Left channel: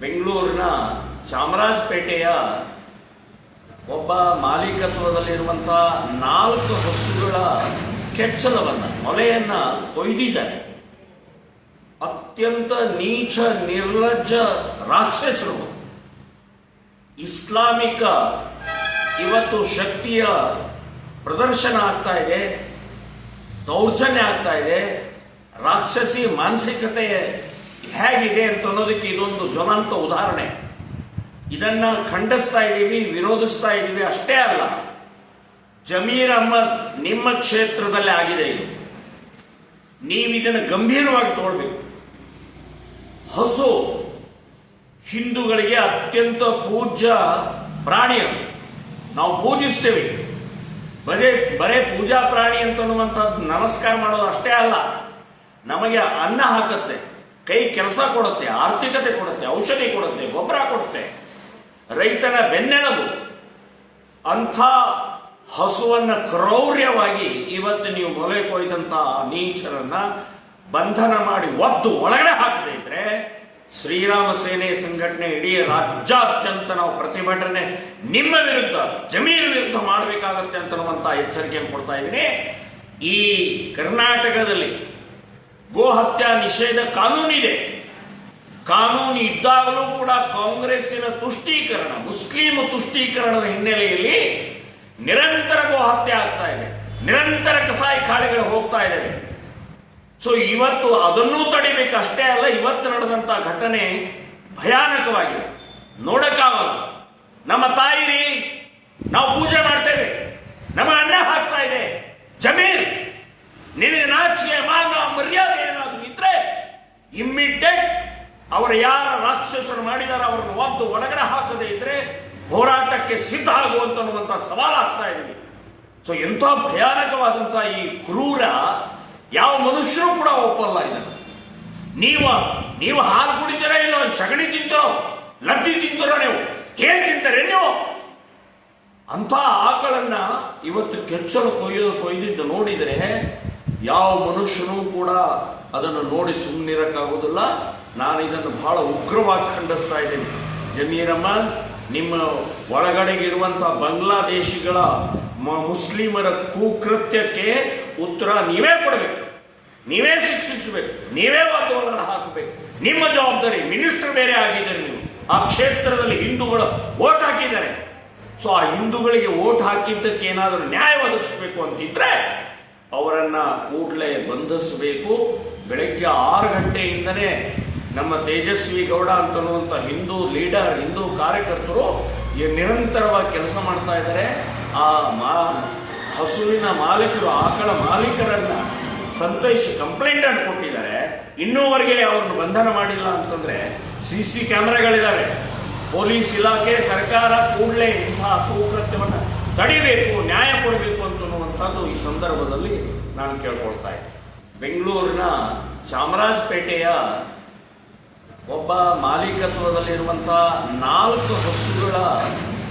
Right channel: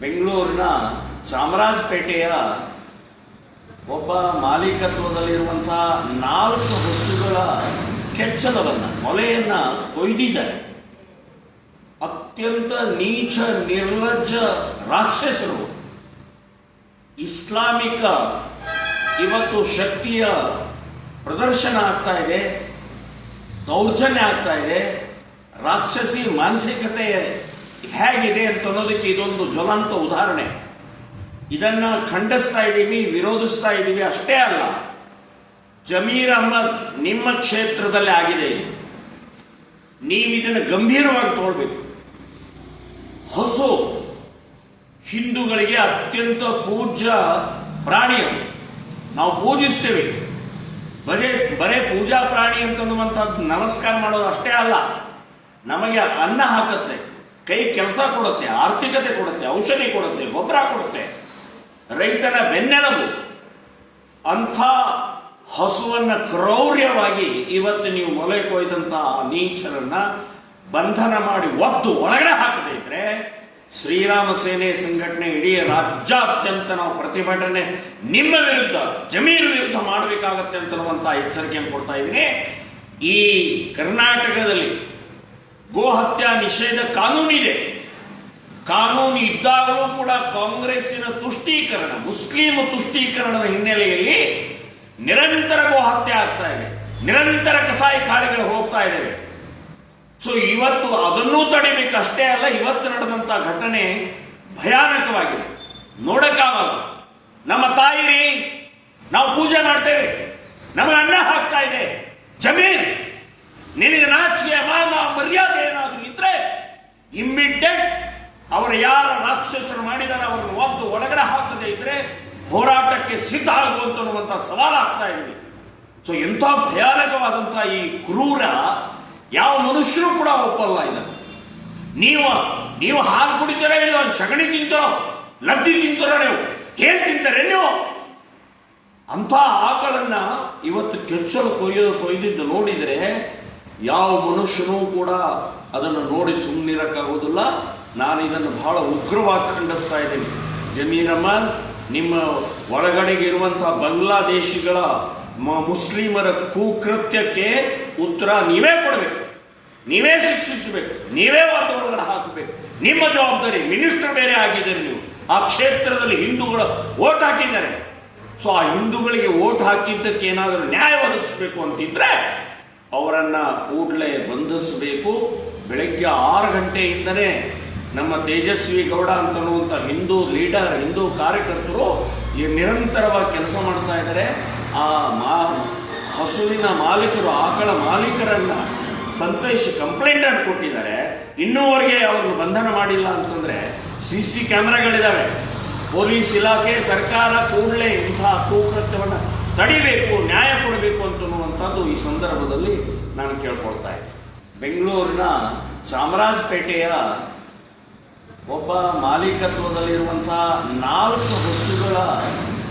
ಬೆಂಗಳೂರಿನ ಚಾಮರಾಜಪೇಟೆಯ ಒಬ್ಬ ಮಾಲೀಕತ್ವದಲ್ಲಿರುವಂತಹ 4 ಹಸುಗಳ ಕೆಚ್ಚಲವನ್ನು ಮೊಲೆಯನ್ನ ಕೊಯ್ದಿದ್ದಾರೆ. ಅತ್ಯಂತ ನೀಚ ನಿರ್ಲಜ್ಜ ರಾಕ್ಷಸರು. ಇಸ್ಲಾಮಿಕ ಇವತ್ತು ಶಕ್ತಿಯ ಪ್ರದರ್ಶನ ಆಗ್ತಾ ಇದೆ, ದೌರ್ಜನ್ಯ ಆಗ್ತಾ ಇದೆ. ರಾಕ್ಷಸಿ ಮಾನಸಿಕತೆ ಹೇಗಿದೆ ಅಂತ ಅನ್ನೋದಕ್ಕೆ ಇದೊಂದು ಜ್ವಲಂತ ಉದಾಹರಣೆ. ಇದನ್ನ ಖಂಡಿಸ್ತಾ ಇದ್ದೀವಿ, ವಿರೋಧಿಸ್ತಾ ಇದ್ದೀವಿ. ಅಷ್ಟೇ ಅಲ್ಲ, ಜಮೀರ್ ಅಹ್ಮದ್ ನಿಮ್ಮ ಕ್ಷೇತ್ರದಲ್ಲಿ ಆಗಿದೆ ಇದು. ನೀವು ಇದನ್ನು ಗಂಭೀರವಾಗಿ ತಗೊಳ್ಬೇಕು. ಹಸು ಹಿಂದೂಗಳಿಗೆ ಅತ್ಯಂತ ಪೂಜ್ಯ ಪ್ರಾಣಿ. ಅದು ನಾವು ಪೂಜಿಸ್ತೇವೆ. ಬರೇ ಪೂಜಾ ಪ್ರಾಣಿ ಅಂತನ್ನುವಂಥದ್ದು ನಮಸ್ಕಾರ ಮಾಡೋದು ಅಷ್ಟೇ ಅಲ್ಲ, ನಮಗೆ ಅನ್ನ ಹಾಕುತ್ತೆ, ಕೈ ಕೆಲಸ ಕೊಡುತ್ತೆ, ಆರ್ಥಿಕತೆ ಕೊಡುತ್ತೆ, ಔಷಧಿ ಕೊಡುತ್ತೆ, ಗೊಬ್ಬರ ಕೊಡುತ್ತೆ, ರೈತನ ಬೆನ್ನೆಲುಬು. ಅಂಥ ಹಸುವನ್ನ ಕ್ರೌರ್ಯವಾಗಿ ಇವತ್ತು ನೀವು ಮೊಲೆ ಕೊಯ್ದಂತಹ ನೀಚರನ್ನ ಬಂಧನ ಮಾಡಿ ಒದ್ದು ಒಳಗಡೆ ಹಾಕದೇ ಇದ್ರೆ ಶ್ರೀರಾಮ ಸೇನೆ ಸಂಘಟನೆ ಇಡೀ ರಾಜ್ಯಾದ್ಯಂತ ನಾವು ಪ್ರತಿಭಟನೆ ನಿಮ್ಮ ವಿರುದ್ಧ, ಜಮೀರ್ ವಿರುದ್ಧ ಮಾಡಬೇಕಾಗತ್ತೆ ಅಂತನ್ನುವಂತ ಎಚ್ಚರಿಕೆಯನ್ನು ಕೊಡ್ತಾ ಇದ್ದೀನಿ. ಈ ಕರ್ನಾಟಕದಲ್ಲಿ ಗೋ ಹತ್ಯಾ ನಿಷೇಧ ಕಾನೂನಿದೆ. ಕಾನೂನು ಇದ್ದಾಗಲೂ ಕೂಡ ಕಾಂಗ್ರೆಸ್ಸಿನ ತುಷ್ಟೀಕರಣ, ಮುಸ್ಲಿಂ ತುಷ್ಟೀಕರಣದ ಹಿನ್ನೆಲೆಯಲ್ಲಿ ನಿರಂತರ ಗೋ ಹತ್ಯೆ ಆಗ್ತಾ ಇದೆ, ನಿರಂತರ ಕಸಾಯಿ ಖಾನೆಗಳು ಹೋಗ್ತಾ ಇದ್ದಾವೆ. ಸೊ ಇವತ್ತು ಅದನ್ನೂ ತಡಿಬೇಕು. ಅಷ್ಟೇ ಅಲ್ಲ, ಇವತ್ತು ನಡೆದಂತ ಘಟನೆ ಭಯಾನಕವಾಗಿದೆ, ನೋಡಕ್ಕಾಗಲ್ಲ. ನಮ್ಮ ತಾಯಿ ನಾವು ಪೂಜೆ ಮಾಡ್ತೇವೆ, ನಮಗೆ ಅನ್ನ ಹಾಕ್ತಾ ಇದೆ. ಜಮೀರ್, ನಿನಗೆ ನಾಚಿಕೆ ಮಾನ ಮರ್ಯಾದೆ ಏನಾದರೂ ಇದ್ರೆ ಇಮ್ಮಿಡಿಯೇಟ್ ಅವರ ಯಾರ ರಾಕ್ಷಸರು ಮಾಡಿದಾರೆ ಅವರನ್ನು ಒದ್ದು ಒಳಗಡೆ ಹಾಕದೇ ಇದ್ರೆ ಹೋರಾಟಕ್ಕೆ ಸಿದ್ಧ ಆಗುವಂತ ಸವಾಲು ಆಗ್ತಾ ಇದೆ. ಸೊ ಎಂಥ ಭಯಾನಕವಾದಂತಹ ಈ ಕ್ರೂರ ಯಾವ ಮನುಷ್ಯರು ಕೂಡ ಒಪ್ಪಲ್ಲ ಇದನ್ನು. ನೀವು ಹಾಲು ಕುಡಿತೀರ, ಇಲ್ಲ ಸಗಣಿ ತಿಂತೀರೋ, ಲದ್ದಿ ತಿಂತೀರೋ, ನೀವು ಹೇಗೆ ತಿಂತಾರೆ ನೀವು? ಅಂಥ ಆಕಳನ್ನ ಇವತ್ತು ಕೆಚ್ಚಲು ಕೊಯ್ದಿದ್ದು ನೋಡಿದರೆ ಯಾವ ಮನುಷ್ಯನೂ ಕೂಡ ಅದನ್ನು ನೋಡಿ ಸುಮ್ಮನಿರಕ್ಕಾಗುವುದಿಲ್ಲ. ನಾನು ಇದನ್ನು ಬಹಳ ಉಗ್ರವಾಗಿ ಖಂಡಿಸ್ತಾ ಇದ್ದೀನಿ. ಜಮೀರ್ ಅಹ್ಮದ್, ನಿಮ್ಮ ಒಳಗಡೆಗಿರುವಂತಹ ಬಾಂಗ್ಲಾದೇಶಿಗಳ ಮುಸ್ಲಿಮರ ಕುಕೃತ್ಯಕ್ಕೆ ಉತ್ತರ ನೀವೇ ಕೊಡಬೇಕು, ನೀವೇ ಶಿಕ್ಷಿಸಬೇಕು, ನೀವೇ ಒಳಗಡೆ ಹಾಕಬೇಕು. ನಿಮ್ಮ ಜವಾಬ್ದಾರಿ. ಮಿನಿಸ್ಟರ್ ಬೇರೆ ಆಗಿದ್ದಾರೆ ನೀವು. ಆ ಕ್ಷೇತ್ರದಲ್ಲಿ ಹಿಂದೂಗಳು ವೋಟ್ ಹಾಕಿದ್ದಾರೆ. ಸೊ ಆ ಹಿಂದೂಗಳಿಗೆ ವೋಟ್ ಹಾಕಿದ್ದಕ್ಕೆ ಏನಾದರೂ ನ್ಯಾಯ ಒದಗಿಸಬೇಕು ಅಂತಿದ್ರೆ ಅವರನ್ನ ಕೂಡಲೇ ಬಂಧಿಸಬೇಕು. ಬೆಳಗ್ಗೆ 6 ಗಂಟೆಯಿಂದನೇ ನಮ್ಮ ತೇಜಸ್ವಿ ಗೌಡ ಅಂತನ್ನುವಂಥ ಹಿಂದೂ ಲೀಡರ್, ಹಿಂದೂ ಕಾರ್ಯಕರ್ತರು ನಿರಂತರವಾಗಿ ಕೆಲಸ ಮಾಡ್ತಾ ಇದ್ದಾರೆ. ಆ ಹಸುವಿನ ಮಾಲೀಕರು, ಆಕಳ ಮಾಲೀಕರನ್ನ ಸಂತೈಸಿ ಕಂಪ್ಲೇಂಟ್ ಅನ್ನು ಕೊಟ್ಟಿದ್ದಾರೆ. ಇನ್ನೂವರೆಗೆ ಅವರನ್ನು ಬಂಧನ ಮಾಡಿಲ್ಲ ಅಂತಂದ್ರೆ ಸಿಸಿ ಕ್ಯಾಮೆರಾಗಳಿದ್ದಾವೆ. ಪೊಲೀಸ್ ಇಲಾಖೆ, ಸರ್ಕಾರ ಕೂಡಲೇ ಇಂತಹ ಕುಕೃತ್ಯವನ್ನು ತಡಿಬೇಕು, ನ್ಯಾಯ ಕೊಡಬೇಕು ಅಂತನ್ನುವಂಥದ್ದು ಈ ಸಂದರ್ಭದಲ್ಲಿ ನಾನು ಕೇಳ್ಕೊಳ್ತಾ ಇದ್ದೀನಿ. ಬೆಂಗಳೂರಿನ ಚಾಮರಾಜಪೇಟೆಯ ಒಬ್ಬ ಮಾಲೀಕತ್ವದಲ್ಲಿರುವಂತಹ 4 ಹಸುಗಳ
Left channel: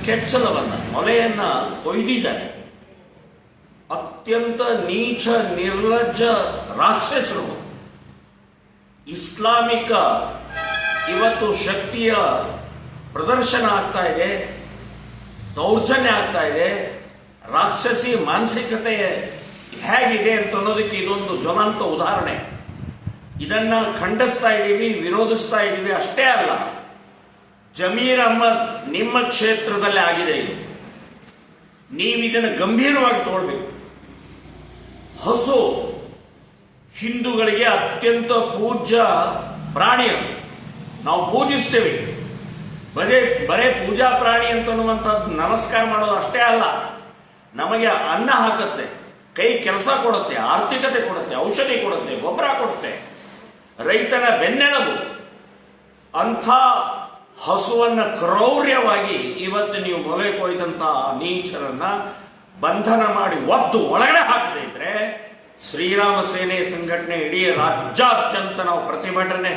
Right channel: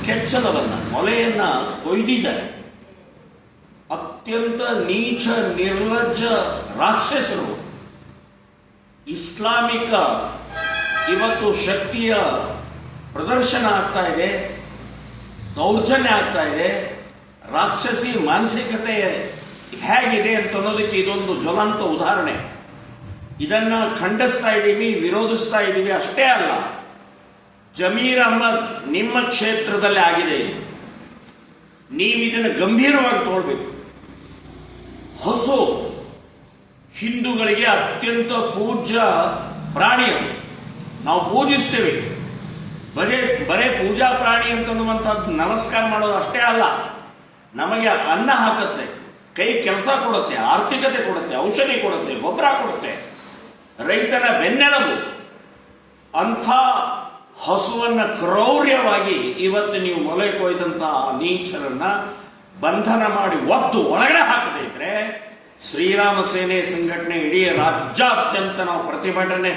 ಕೆಚ್ಚಲವನ್ನು, ಮೊಲೆಯನ್ನ ಕೊಯ್ದಿದ್ದಾರೆ. ಅತ್ಯಂತ ನೀಚ ನಿರ್ಲಜ್ಜ ರಾಕ್ಷಸರು. ಇಸ್ಲಾಮಿಕ ಇವತ್ತು ಶಕ್ತಿಯ ಪ್ರದರ್ಶನ ಆಗ್ತಾ ಇದೆ, ದೌರ್ಜನ್ಯ ಆಗ್ತಾ ಇದೆ. ರಾಕ್ಷಸಿ ಮಾನಸಿಕತೆ ಹೇಗಿದೆ ಅಂತ ಅನ್ನೋದಕ್ಕೆ ಇದೊಂದು ಜ್ವಲಂತ ಉದಾಹರಣೆ. ಇದನ್ನ ಖಂಡಿಸ್ತಾ ಇದ್ದೀವಿ, ವಿರೋಧಿಸ್ತಾ ಇದ್ದೀವಿ. ಅಷ್ಟೇ ಅಲ್ಲ, ಜಮೀರ್ ಅಹ್ಮದ್ ನಿಮ್ಮ ಕ್ಷೇತ್ರದಲ್ಲಿ ಆಗಿದೆ ಇದು. ನೀವು ಇದನ್ನು ಗಂಭೀರವಾಗಿ ತಗೊಳ್ಬೇಕು. ಹಸು ಹಿಂದೂಗಳಿಗೆ ಅತ್ಯಂತ ಪೂಜ್ಯ ಪ್ರಾಣಿ. ಅದು ನಾವು ಪೂಜಿಸ್ತೇವೆ. ಬರೇ ಪೂಜಾ ಪ್ರಾಣಿ ಅಂತನ್ನುವಂಥದ್ದು ನಮಸ್ಕಾರ ಮಾಡೋದು ಅಷ್ಟೇ ಅಲ್ಲ, ನಮಗೆ ಅನ್ನ ಹಾಕುತ್ತೆ, ಕೈ ಕೆಲಸ ಕೊಡುತ್ತೆ, ಆರ್ಥಿಕತೆ ಕೊಡುತ್ತೆ, ಔಷಧಿ ಕೊಡುತ್ತೆ, ಗೊಬ್ಬರ ಕೊಡುತ್ತೆ, ರೈತನ ಬೆನ್ನೆಲುಬು. ಅಂಥ ಹಸುವನ್ನ ಕ್ರೌರ್ಯವಾಗಿ ಇವತ್ತು ನೀವು ಮೊಲೆ ಕೊಯ್ದಂತಹ ನೀಚರನ್ನ ಬಂಧನ ಮಾಡಿ ಒದ್ದು ಒಳಗಡೆ ಹಾಕದೇ ಇದ್ರೆ ಶ್ರೀರಾಮ ಸೇನೆ ಸಂಘಟನೆ ಇಡೀ ರಾಜ್ಯಾದ್ಯಂತ ನಾವು ಪ್ರತಿಭಟನೆ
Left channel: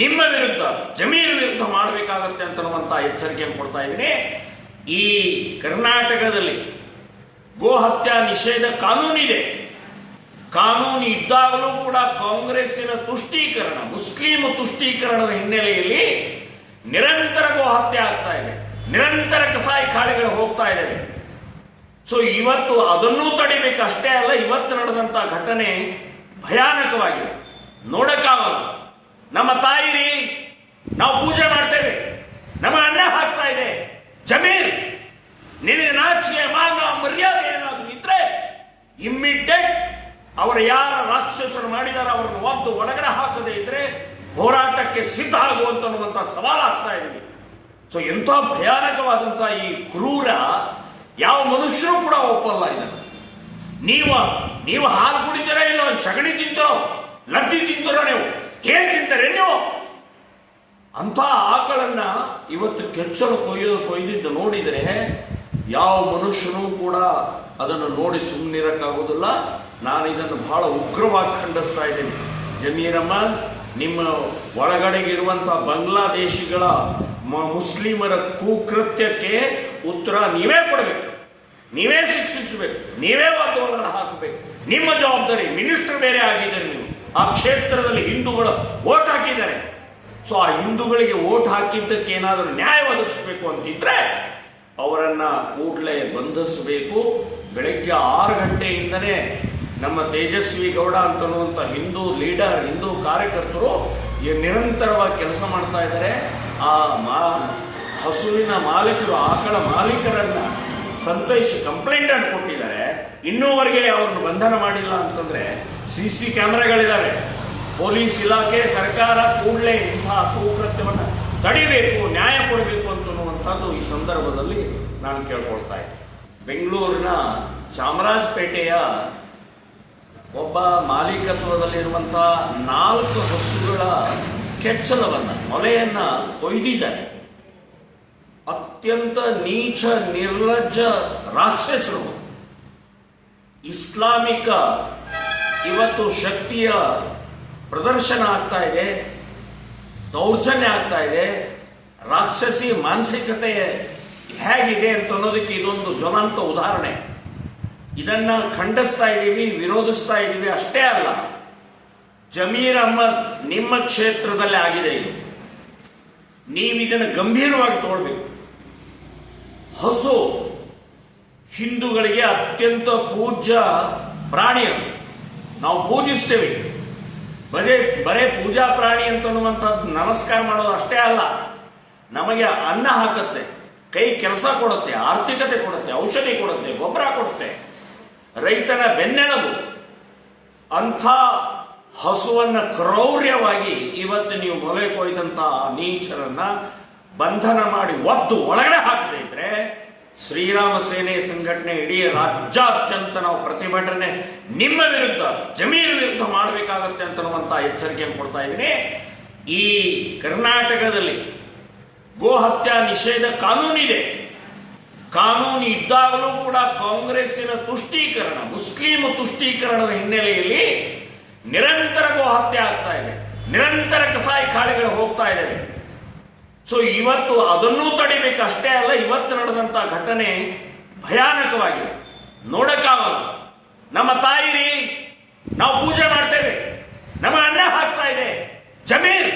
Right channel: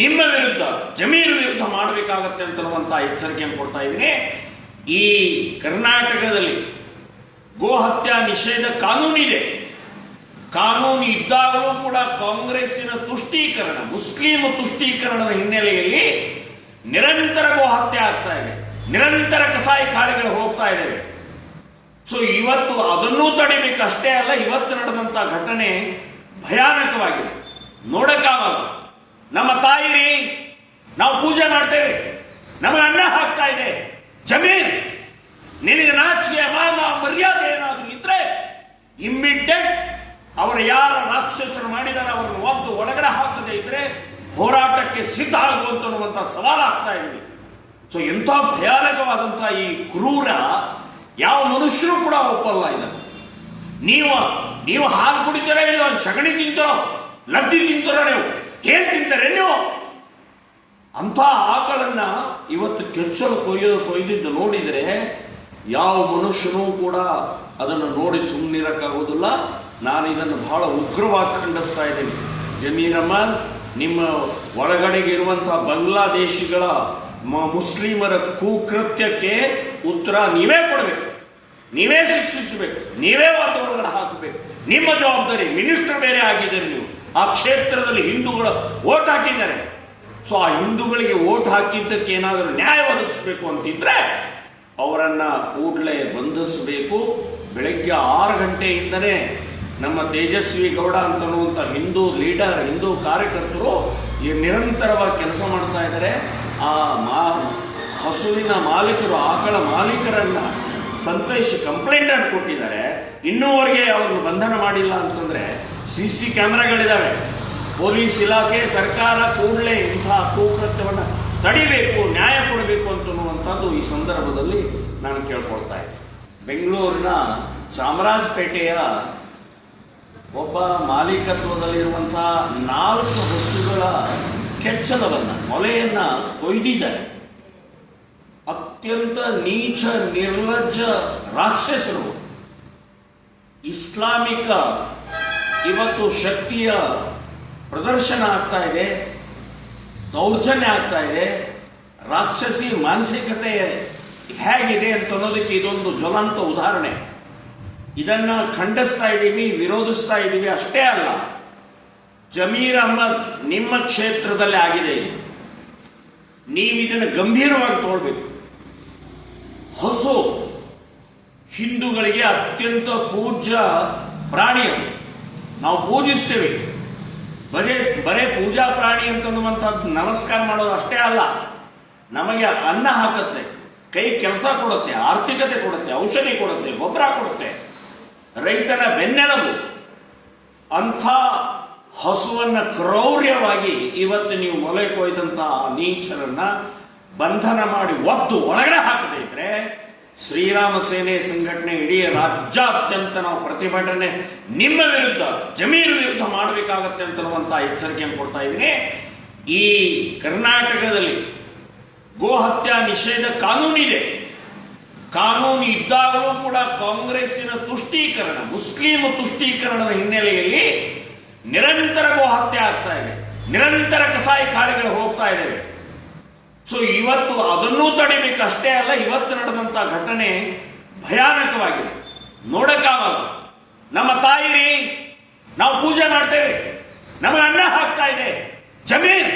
ನಿಮ್ಮ ವಿರುದ್ಧ, ಜಮೀರ್ ವಿರುದ್ಧ ಮಾಡಬೇಕಾಗತ್ತೆ ಅಂತನ್ನುವಂತ ಎಚ್ಚರಿಕೆಯನ್ನು ಕೊಡ್ತಾ ಇದ್ದೀನಿ. ಈ ಕರ್ನಾಟಕದಲ್ಲಿ ಗೋ ಹತ್ಯಾ ನಿಷೇಧ ಕಾನೂನಿದೆ. ಕಾನೂನು ಇದ್ದಾಗಲೂ ಕೂಡ ಕಾಂಗ್ರೆಸ್ಸಿನ ತುಷ್ಟೀಕರಣ, ಮುಸ್ಲಿಂ ತುಷ್ಟೀಕರಣದ ಹಿನ್ನೆಲೆಯಲ್ಲಿ ನಿರಂತರ ಹತ್ಯೆ ಆಗ್ತಾ ಇದೆ, ನಿರಂತರ ಕಸಾಯಿ ಖಾನೆಗಳು ಹೋಗ್ತಾ ಇದ್ದಾವೆ. ಸೊ ಇವತ್ತು ಅದನ್ನೂ ತಡಿಬೇಕು. ಅಷ್ಟೇ ಅಲ್ಲ, ಇವತ್ತು ನಡೆದಂತ ಘಟನೆ ಭಯಾನಕವಾಗಿದೆ, ನೋಡಕ್ಕಾಗಲ್ಲ. ನಮ್ಮ ತಾಯಿ ನಾವು ಪೂಜೆ ಮಾಡ್ತೇವೆ, ನಮಗೆ ಅನ್ನ ಹಾಕ್ತಾ ಇದೆ. ಜಮೀರ್, ನಿನಗೆ ನಾಚಿಕೆ ಮಾನ ಮರ್ಯಾದೆ ಏನಾದರೂ ಇದ್ರೆ ಇಮ್ಮಿಡಿಯೇಟ್ ಅವರ ಯಾರ ರಾಕ್ಷಸರು ಮಾಡಿದಾರೆ ಅವರನ್ನು ಒದ್ದು ಒಳಗಡೆ ಹಾಕದೇ ಇದ್ರೆ ಹೋರಾಟಕ್ಕೆ ಸಿದ್ಧ ಆಗುವಂತ ಸವಾಲು ಆಗ್ತಾ ಇದೆ. ಸೊ ಎಂಥ ಭಯಾನಕವಾದಂತಹ ಈ ಕ್ರೂರ ಯಾವ ಮನುಷ್ಯರು ಕೂಡ ಒಪ್ಪಲ್ಲ ಇದನ್ನು. ನೀವು ಹಾಲು ಕುಡಿತೀರ, ಇಲ್ಲ ಸಗಣಿ ತಿಂತೀರೋ, ಲದ್ದಿ ತಿಂತೀರೋ, ನೀವು ಹೇಗೆ ತಿಂತಾರೆ ನೀವು? ಅಂತ ಆಕಳನ್ನ ಇವತ್ತು ಕೆಚ್ಚಲು ಕೊಯ್ದಿದ್ದು ನೋಡಿದರೆ ಯಾವ ಮನುಷ್ಯನೂ ಕೂಡ ಅದನ್ನು ನೋಡಿ ಸುಮ್ಮನಿರಕ್ಕಾಗುವುದಿಲ್ಲ. ನಾನು ಇದನ್ನು ಬಹಳ ಉಗ್ರವಾಗಿ ಖಂಡಿಸ್ತಾ ಇದ್ದೀನಿ. ಜಮೀರಮ್ಮ, ನಿಮ್ಮ ಒಳಗಡೆಗೆ ಇರುವಂತಹ ಬಾಂಗ್ಲಾದೇಶಿಗಳ ಮುಸ್ಲಿಮರ ಕುಕೃತ್ಯಕ್ಕೆ ಉತ್ತರ ನೀವೇ ಕೊಡಬೇಕು, ನೀವೇ ಶಿಕ್ಷಿಸಬೇಕು, ನೀವೇ ಒಳಗಡೆ ಹಾಕಬೇಕು. ನಿಮ್ಮ ಜವಾಬ್ದಾರಿ. ಮಿನಿಸ್ಟರ್ ಬೇರೆ ಆಗಿದ್ದಾರೆ ನೀವು. ಆ ಕ್ಷೇತ್ರದಲ್ಲಿ ಹಿಂದೂಗಳು ವೋಟ್ ಹಾಕಿದ್ದಾರೆ. ಸೊ ಆ ಹಿಂದೂಗಳಿಗೆ ವೋಟ್ ಹಾಕಿದ್ದಕ್ಕೆ ಏನಾದರೂ ನ್ಯಾಯ ಒದಗಿಸಬೇಕು ಅಂತಿದ್ರೆ ಅವರನ್ನ ಕೂಡಲೇ ಬಂಧಿಸಬೇಕು. ಬೆಳಗ್ಗೆ 6 ಗಂಟೆಯಿಂದನೇ ನಮ್ಮ ತೇಜಸ್ವಿ ಗೌಡ ಅಂತನ್ನುವಂಥ ಹಿಂದೂ ಲೀಡರ್, ಹಿಂದೂ ಕಾರ್ಯಕರ್ತರು ನಿರಂತರವಾಗಿ ಕೆಲಸ ಮಾಡ್ತಾ ಇದ್ದಾರೆ. ಆ ಹಸುವಿನ ಮಾಲೀಕರು, ಆಕಳ ಮಾಲೀಕರನ್ನ ಸಂತೈಸಿ ಕಂಪ್ಲೇಂಟ್ ಅನ್ನು ಕೊಟ್ಟಿದ್ದಾರೆ. ಇನ್ನೂವರೆಗೆ ಅವರನ್ನು ಬಂಧನ ಮಾಡಿಲ್ಲ ಅಂತಂದ್ರೆ ಸಿಸಿ ಕ್ಯಾಮೆರಾಗಳಿದ್ದಾವೆ. ಪೊಲೀಸ್ ಇಲಾಖೆ, ಸರ್ಕಾರ ಕೂಡಲೇ ಇಂತಹ ಕುಕೃತ್ಯವನ್ನು ತಡಿಬೇಕು, ನ್ಯಾಯ ಕೊಡಬೇಕು ಅಂತನ್ನುವಂಥದ್ದು ಈ ಸಂದರ್ಭದಲ್ಲಿ ನಾನು ಕೇಳ್ಕೊಳ್ತಾ ಇದ್ದೀನಿ. ಬೆಂಗಳೂರಿನ ಚಾಮರಾಜಪೇಟೆಯ ಒಬ್ಬ ಮಾಲೀಕತ್ವದಲ್ಲಿರುವಂತಹ 4 ಹಸುಗಳ ಕೆಚ್ಚಲವನ್ನು, ಮೊಲೆಯನ್ನ ಕೊಯ್ದಿದ್ದಾರೆ. ಅತ್ಯಂತ ನೀಚ ನಿರ್ಲಜ್ಜ ರಾಕ್ಷಸರು. ಇಸ್ಲಾಮಿಕ ಇವತ್ತು ಶಕ್ತಿಯ ಪ್ರದರ್ಶನ ಆಗ್ತಾ ಇದೆ, ದೌರ್ಜನ್ಯ ಆಗ್ತಾ ಇದೆ. ರಾಕ್ಷಸಿ ಮಾನಸಿಕತೆ ಹೇಗಿದೆ ಅಂತ ಅನ್ನೋದಕ್ಕೆ ಇದೊಂದು ಜ್ವಲಂತ ಉದಾಹರಣೆ. ಇದನ್ನ ಖಂಡಿಸ್ತಾ ಇದ್ದೀವಿ, ವಿರೋಧಿಸ್ತಾ ಇದ್ದೀವಿ. ಅಷ್ಟೇ ಅಲ್ಲ, ಜಮೀರ್ ಅಹ್ಮದ್ ನಿಮ್ಮ ಕ್ಷೇತ್ರದಲ್ಲಿ ಆಗಿದೆ. ನೀವು ಇದನ್ನು ಗಂಭೀರವಾಗಿ ತಗೊಳ್ಬೇಕು. ಹಸು ಹಿಂದೂಗಳಿಗೆ ಅತ್ಯಂತ ಪೂಜ್ಯ ಪ್ರಾಣಿ. ಅದು ನಾವು ಪೂಜಿಸ್ತೇವೆ. ಬರೇ ಪೂಜಾ ಪ್ರಾಣಿ ಅಂತನ್ನುವಂಥದ್ದು ನಮಸ್ಕಾರ ಮಾಡೋದು ಅಷ್ಟೇ ಅಲ್ಲ, ನಮಗೆ ಅನ್ನ ಹಾಕುತ್ತೆ, ಕೈ ಕೆಲಸ ಕೊಡುತ್ತೆ, ಆರ್ಥಿಕತೆ ಕೊಡುತ್ತೆ, ಔಷಧಿ ಕೊಡುತ್ತೆ, ಗೊಬ್ಬರ ಕೊಡುತ್ತೆ, ರೈತನ ಬೆನ್ನೆಲುಬು. ಅಂಥ ಹಸುವನ್ನ ಕ್ರೌರ್ಯವಾಗಿ ಇವತ್ತು ನೀವು ಮೊಲೆ ಕೊಯ್ದಂತಹ ನೀಚರನ್ನ ಬಂಧನ ಮಾಡಿ ಒದ್ದು ಒಳಗಡೆ ಹಾಕದೇ ಇದ್ರೆ ಶ್ರೀರಾಮ ಸೇನೆ ಸಂಘಟನೆ ಇಡೀ ರಾಜ್ಯಾದ್ಯಂತ ನಾವು ಪ್ರತಿಭಟನೆ ನಿಮ್ಮ ವಿರುದ್ಧ, ಜಮೀರ್ ವಿರುದ್ಧ ಮಾಡಬೇಕಾಗತ್ತೆ ಅಂತನ್ನುವಂತ ಎಚ್ಚರಿಕೆಯನ್ನು ಕೊಡ್ತಾ ಇದ್ದೀನಿ. ಈ ಕರ್ನಾಟಕದಲ್ಲಿ ಗೋಹತ್ಯಾ ನಿಷೇಧ ಕಾನೂನಿದೆ. ಕಾನೂನು ಇದ್ದಾಗಲೂ ಕೂಡ ಕಾಂಗ್ರೆಸ್ಸಿನ ತುಷ್ಟೀಕರಣ, ಮುಸ್ಲಿಂ ತುಷ್ಟೀಕರಣದ ಹಿನ್ನೆಲೆಯಲ್ಲಿ ನಿರಂತರ ಗೋಹತ್ಯೆ ಆಗ್ತಾ ಇದೆ, ನಿರಂತರ ಕಸಾಯಿ ಖಾನೆಗಳು ಹೋಗ್ತಾ ಇದ್ದಾವೆ. ಸೊ ಇವತ್ತು ಅದನ್ನೂ ತಡಿಬೇಕು. ಅಷ್ಟೇ ಅಲ್ಲ, ಇವತ್ತು ನಡೆದಂತ ಘಟನೆ ಭಯಾನಕವಾಗಿದೆ, ನೋಡಕ್ಕಾಗಲ್ಲ. ನಮ್ಮ ತಾಯಿ ನಾವು ಪೂಜೆ ಮಾಡ್ತೇವೆ, ನಮಗೆ ಅನ್ನ ಹಾಕ್ತಾ ಇದೆ. ಜಮೀರ್,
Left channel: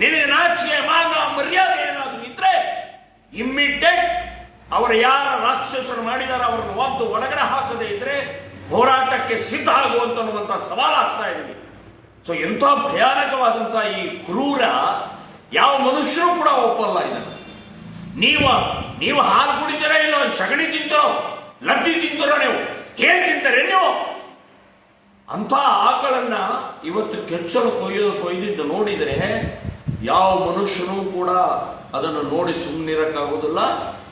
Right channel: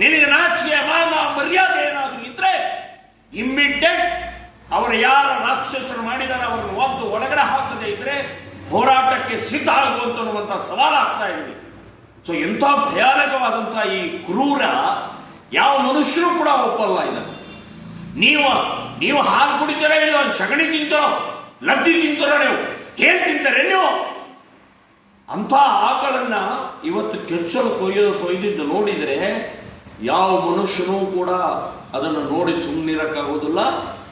ನಿನಗೆ ನಾಚಿಕೆ ಮಾನ ಮರ್ಯಾದೆ ಏನಾದರೂ ಇದ್ರೆ ಇಮ್ಮಿಡಿಯೇಟ್ ಅವರ ಯಾರ ರಾಕ್ಷಸರು ಮಾಡಿದಾರೆ ಅವರನ್ನು ಒದ್ದು ಒಳಗಡೆ ಹಾಕದೇ ಇದ್ರೆ ಹೋರಾಟಕ್ಕೆ ಸಿದ್ಧ ಆಗುವಂತ ಸವಾಲು ಆಗ್ತಾ ಇದೆ. ಸೊ ಎಂಥ ಭಯಾನಕವಾದಂತಹ ಈ ಕ್ರೂರ ಯಾವ ಮನುಷ್ಯರು ಕೂಡ ಒಪ್ಪಲ್ಲ ಇದನ್ನು. ನೀವು ಹಾಲು ಕುಡಿತೀರ, ಇಲ್ಲ ಸಗಣಿ ತಿಂತೀರೋ, ಲದ್ದಿ ತಿಂತೀರೋ, ನೀವು ಹೇಗೆ ತಿಂತಾರೆ ನೀವು? ಅಂತ ಆಕಳನ್ನ ಇವತ್ತು ಕೆಚ್ಚಲು ಕೊಯ್ದಿದ್ದು ನೋಡಿದರೆ ಯಾವ ಮನುಷ್ಯನೂ ಕೂಡ ಅದನ್ನು ನೋಡಿ ಸುಮ್ಮನಿರಕ್ಕಾಗುವುದಿಲ್ಲ.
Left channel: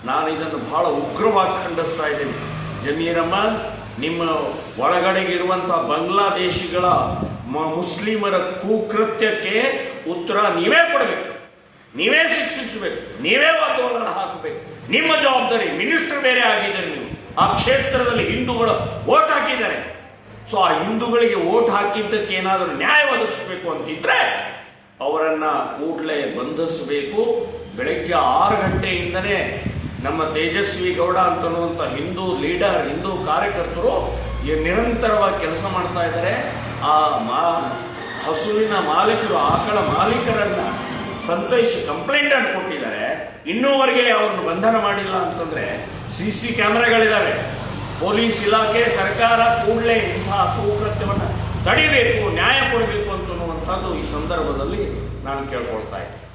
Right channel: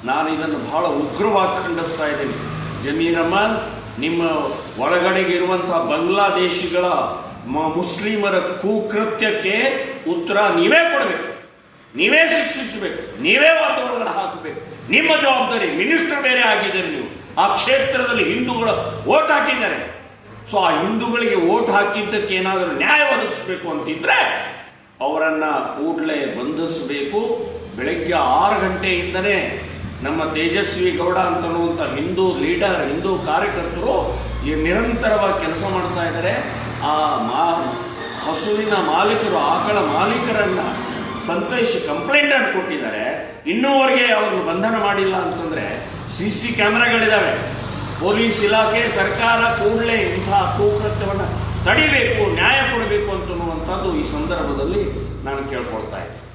ನಾನು ಇದನ್ನು ಬಹಳ ಉಗ್ರವಾಗಿ ಖಂಡಿಸ್ತಾ ಇದ್ದೀನಿ. ಜಮೀರಮ್ಮ, ನಿಮ್ಮ ಒಳಗಡೆಗೆ ಇರುವಂತಹ ಬಾಂಗ್ಲಾದೇಶಿಗಳ ಮುಸ್ಲಿಮರ ಕುಕೃತ್ಯಕ್ಕೆ ಉತ್ತರ ನೀವೇ ಕೊಡಬೇಕು, ನೀವೇ ಶಿಕ್ಷಿಸಬೇಕು, ನೀವೇ ಒಳಗಡೆ ಹಾಕಬೇಕು. ನಿಮ್ಮ ಜವಾಬ್ದಾರಿ. ಮಿನಿಸ್ಟರ್ ಬೇರೆ ಆಗಿದ್ದಾರೆ ನೀವು. ಆ ಕ್ಷೇತ್ರದಲ್ಲಿ ಹಿಂದೂಗಳು ವೋಟ್ ಹಾಕಿದ್ದಾರೆ. ಸೊ ಆ ಹಿಂದೂಗಳಿಗೆ ವೋಟ್ ಹಾಕಿದ್ದಕ್ಕೆ ಏನಾದರೂ ನ್ಯಾಯ ಒದಗಿಸಬೇಕು ಅಂತಿದ್ರೆ ಅವರನ್ನ ಕೂಡಲೇ ಬಂಧಿಸಬೇಕು. ಬೆಳಗ್ಗೆ 6 ಗಂಟೆಯಿಂದನೇ ನಮ್ಮ ತೇಜಸ್ವಿ ಗೌಡ ಅಂತನ್ನುವಂಥ ಹಿಂದೂ ಲೀಡರ್, ಹಿಂದೂ ಕಾರ್ಯಕರ್ತರು ನಿರಂತರವಾಗಿ ಕೆಲಸ ಮಾಡ್ತಾ ಇದ್ದಾರೆ. ಆ ಹಸುವಿನ ಮಾಲೀಕರು, ಆಕಳ ಮಾಲೀಕರನ್ನ ಸಂತೋಷ್ ಕಂಪ್ಲೇಂಟ್ ಅನ್ನು ಕೊಟ್ಟಿದ್ದಾರೆ, ಇನ್ನೂವರೆಗೆ ಅವ್ರನ್ನು ಬಂಧನ ಮಾಡಿಲ್ಲ ಅಂತಂದ್ರೆ ಸಿಸಿ ಕ್ಯಾಮೆರಾಗಳಿದ್ದಾವೆ. ಪೊಲೀಸ್ ಇಲಾಖೆ, ಸರ್ಕಾರ ಕೂಡಲೇ ಇಂತಹ ಕುಕೃತ್ಯವನ್ನು ತಡಿಬೇಕು, ನ್ಯಾಯ ಕೊಡಬೇಕು ಅಂತನ್ನುವಂಥದ್ದು ಈ ಸಂದರ್ಭದಲ್ಲಿ ನಾನು ಕೇಳ್ಕೊಳ್ತಾ ಇದ್ದೀನಿ.